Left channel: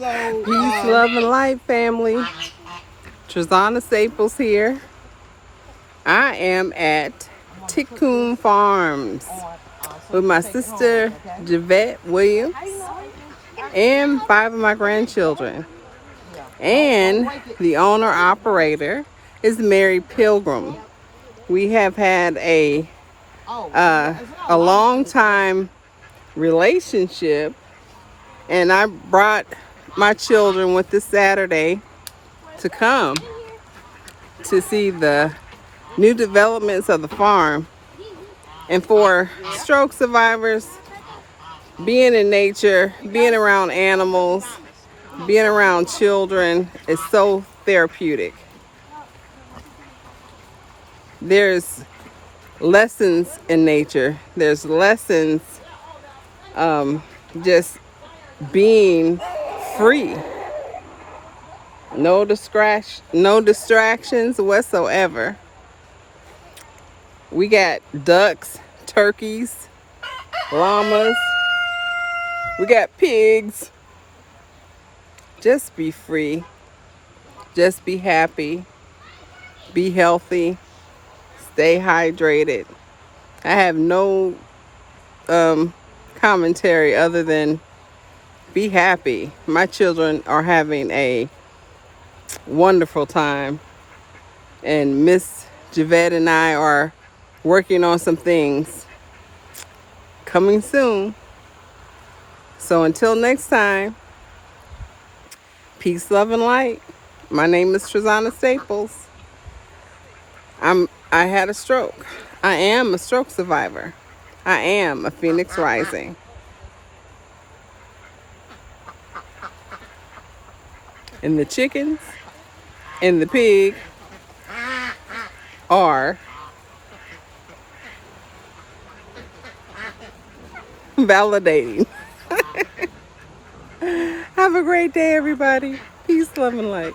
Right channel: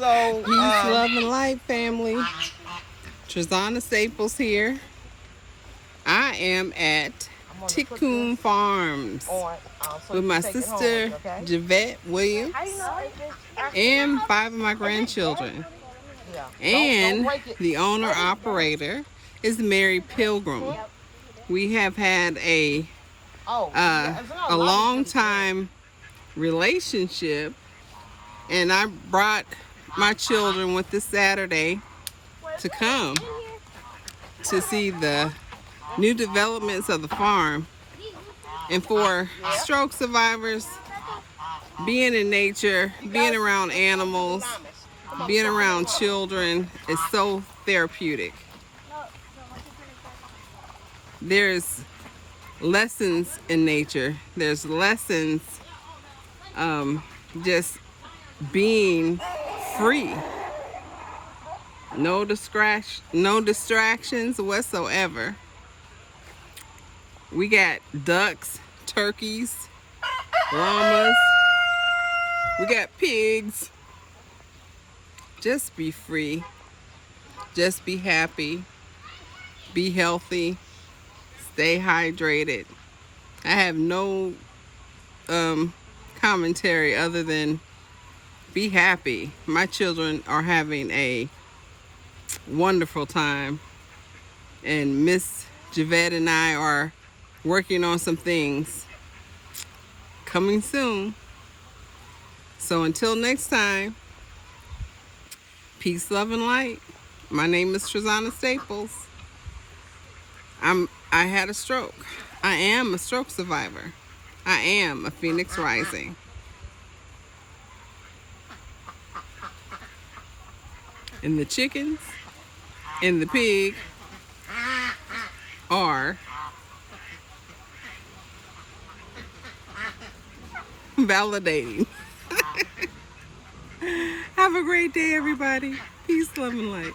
Peace, love, and light, family. Trazana Staples here. I am at Ticoon Farms with my sister Javette Williams and 5 of my grandchildren. And the owner operator is Mary Pilgrim. We have had a long time relationship, and I brought my children with this Saturday to come to see the new developments of the farm. And for stroke survivors, being in nature, being around animals, being around children is so therapeutic. There's lessons in nature. There's lessons just being free. No distractions whatsoever. We got ducks, turkeys, llamas. We got pigs. Just be free. Just be happy. Be healthy. Stay hydrated. I have no commentary other than be happy. My children are having a wonderful time, and Miss Javette and I are working on some things coming soon. So until next time, peace, love, and light. My name is Trazana Staples. I had a stroke. I am a stroke survivor. I am a phoenix rising. And the chickens and the pig are validating. Have a great day, everybody. Peace, love, and light.